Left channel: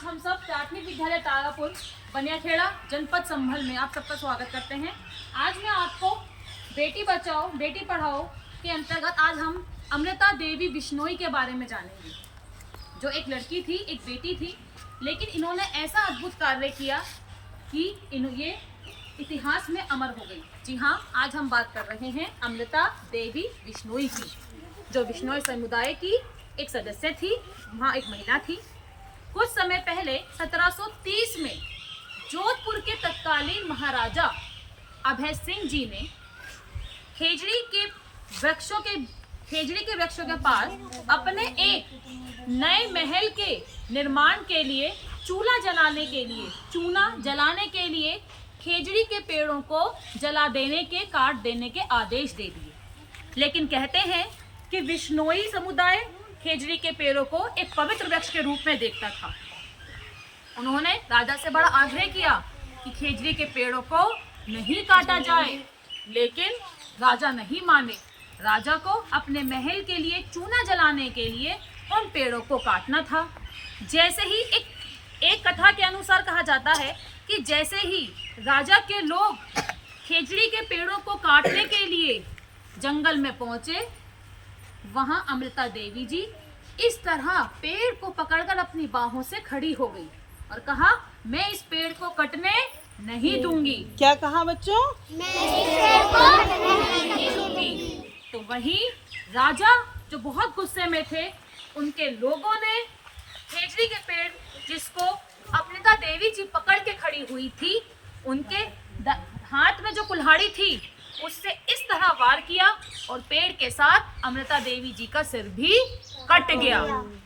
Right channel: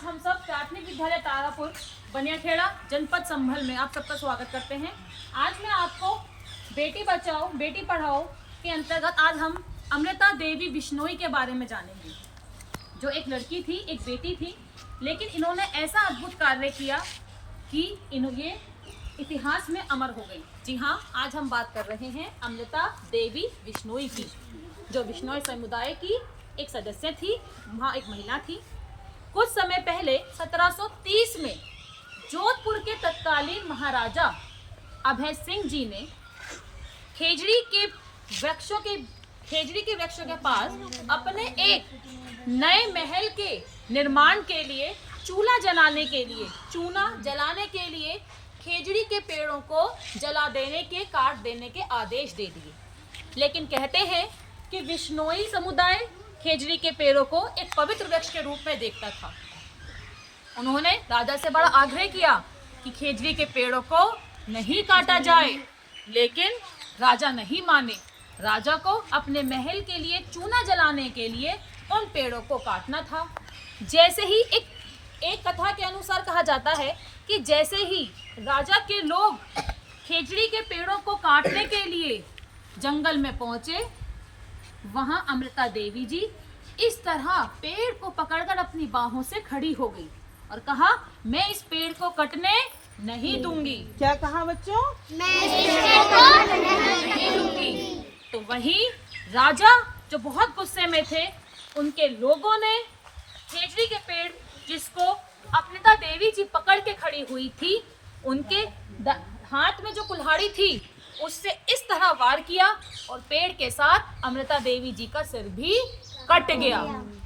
आज हम सब प्राथमिक विद्यालय तारापुर बनियाखेड़ा जनपद संभल में आप सबका स्वागत करते हैं। आज मैं आपको बेटी बचाओ बेटी पढ़ाओ के अंतर्गत आज हम अमृता देवी बिश्नोई के बारे में जानेंगे, जो एक लड़की थी, एक बेटी थी, लेकिन इन्होंने ऐसा अद्भुत कार्य किया कि ये इतिहास में अमर हो गई। जी हाँ, आज हम बात कर रहे हैं अमृता देवी बिश्नोई की, जो बिश्नोई समुदाय की एक सदस्य थी, वहाँ एक महिला थी। कुछ समय पहले 1730 में जोधपुर के तत्कालीन महाराजा अभय सिंह जी ने खेजड़ी के वृक्षों के पास अपने एक नए महल के निर्माण के लिए चूना जलाने के लिए खेजड़ी के पेड़ों को काट देने के आदेश दे दिए। लेकिन कहते हैं कि बिश्नोई समुदाय खेजड़ी के पेड़ों को एक पवित्र वृक्ष के रूप में देखता था। उन्होंने राजा से बड़ा आग्रह किया कि खेजड़ी के पेड़ों को नहीं काटा जाए, लेकिन राजा नहीं माने। राजा को अपने महल के लिए चूना जलाने के लिए उन पेड़ों को काटना था। जैसे ही एक कथा के अनुसार कहा जाता है कि जैसे ही राजा के लोग खेजड़ी के पेड़ों को काटने के लिए जंगल में पहुंचे, वहां अमृता देवी जी इस तरह पेड़ को पकड़कर अपनी बाहों से खड़ी हो गई और कहा, मैं इस पेड़ को कटने नहीं दूंगी। क्या कहा बच्चों? मैं इस पेड़ को नहीं दूंगी। तो वहीं राजा जो बहुत गुस्से में थे, उनके लोगों ने खेजड़ी के पेड़ जिसको अमृता देवी जी पकड़ के खड़ी हुई थी, उनके हाथ में जो कुल्हाड़ी थी उससे इस तरह वार किया और पेड़ के साथ अमृता देवी जी का सिर भी कट गया।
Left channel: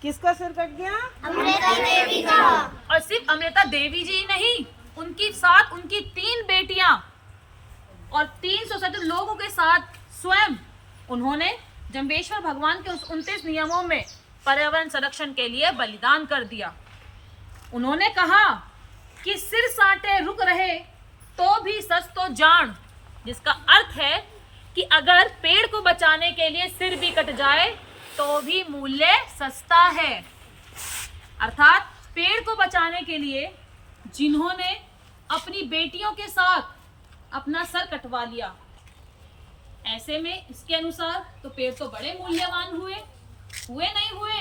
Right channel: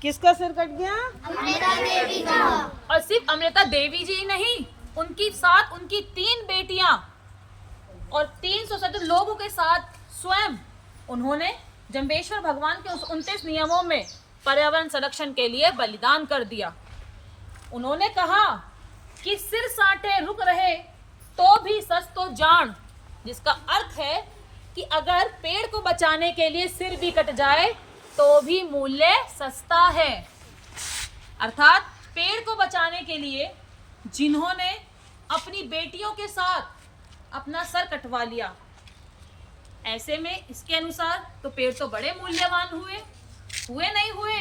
किसका सिर कट गया? अमृता देवी का। और सिर्फ अमृता देवी जी नहीं, उनकी साथ उनकी 3 बेटियां और 300 से अधिक लोगों के साथ स्वयं उन्होंने जम्बेश्वर भगवान के उस 29 नियमों में पर्यावरण संरक्षण के लिए बलिदान कर दिया। उन्होंने कहा कि सिर साटे रुक रहे तो भी सच तो जान, जिसका अर्थ है कि अगर पेड़ को बचाने के लिए सिर भी कट जाए तो भी मूल्य सस्ता है। अर्थात पेड़ को बचाने के लिए जिन्होंने अपनी बेटियों के साथ अपना सर कटवा लिया, ऐसे में इसके अनुसार तो पेड़ तो बड़े मूल्यवान हुए नहीं हुए?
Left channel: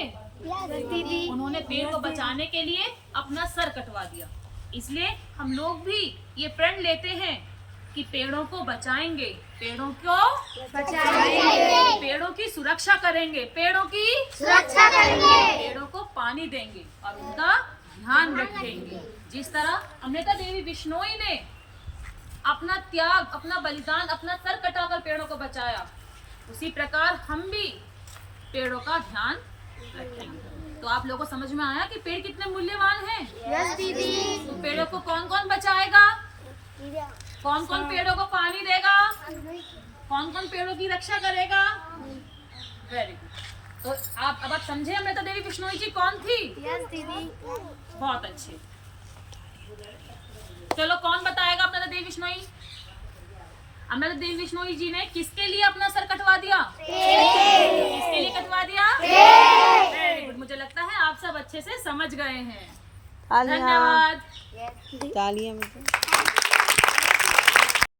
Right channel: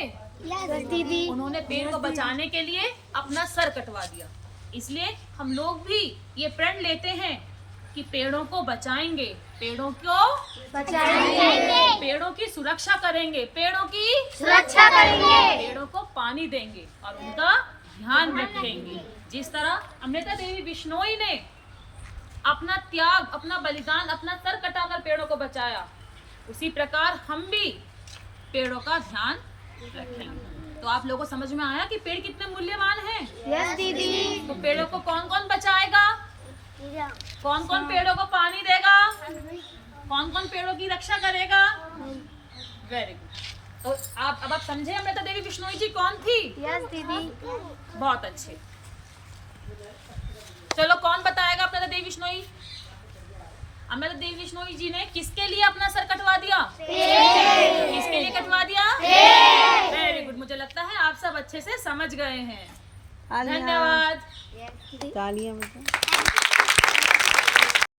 उन्होंने पेड़ को बचाने के लिए अपना सर कटवा दिया। इसलिए हम लोग भी ये प्रण लेते हैं कि पेड़ों को बचाएंगे, पेड़ों की सुरक्षा करेंगे, पेड़ों को पानी देंगे और उनका ध्यान रखेंगे। जिस तरह अमृता देवी बिश्नोई ने अपना त्याग, अपना बलिदान, अपना सर कटाकर पेड़ों को बचाया, उसी प्रकार हम भी पेड़ों का ध्यान रखेंगे। तो आप लोगों को समझ में आया कि पेड़ कितने मूल्यवान हैं? यस दीदी। तो पेड़ों को कौन कौन बचाएगा? कौन कौन पेड़ों को पानी देगा? कौन कौन पेड़ों की रक्षा करेगा? Very good. तो अब आप समझे अमृता देवी बिश्नोई जी कौन थी? यस दीदी। बहुत अच्छे। चलो, कौन बताएगा अमृता देवी बिश्नोई? अमृता देवी बिश्नोई जी ने किसके लिए अपना सर कटवा दिया? किसके लिए कटवा दिया? Very good. मुझे लगता है आप सब अच्छे से समझ गए हैं। धन्यवाद। तालियां।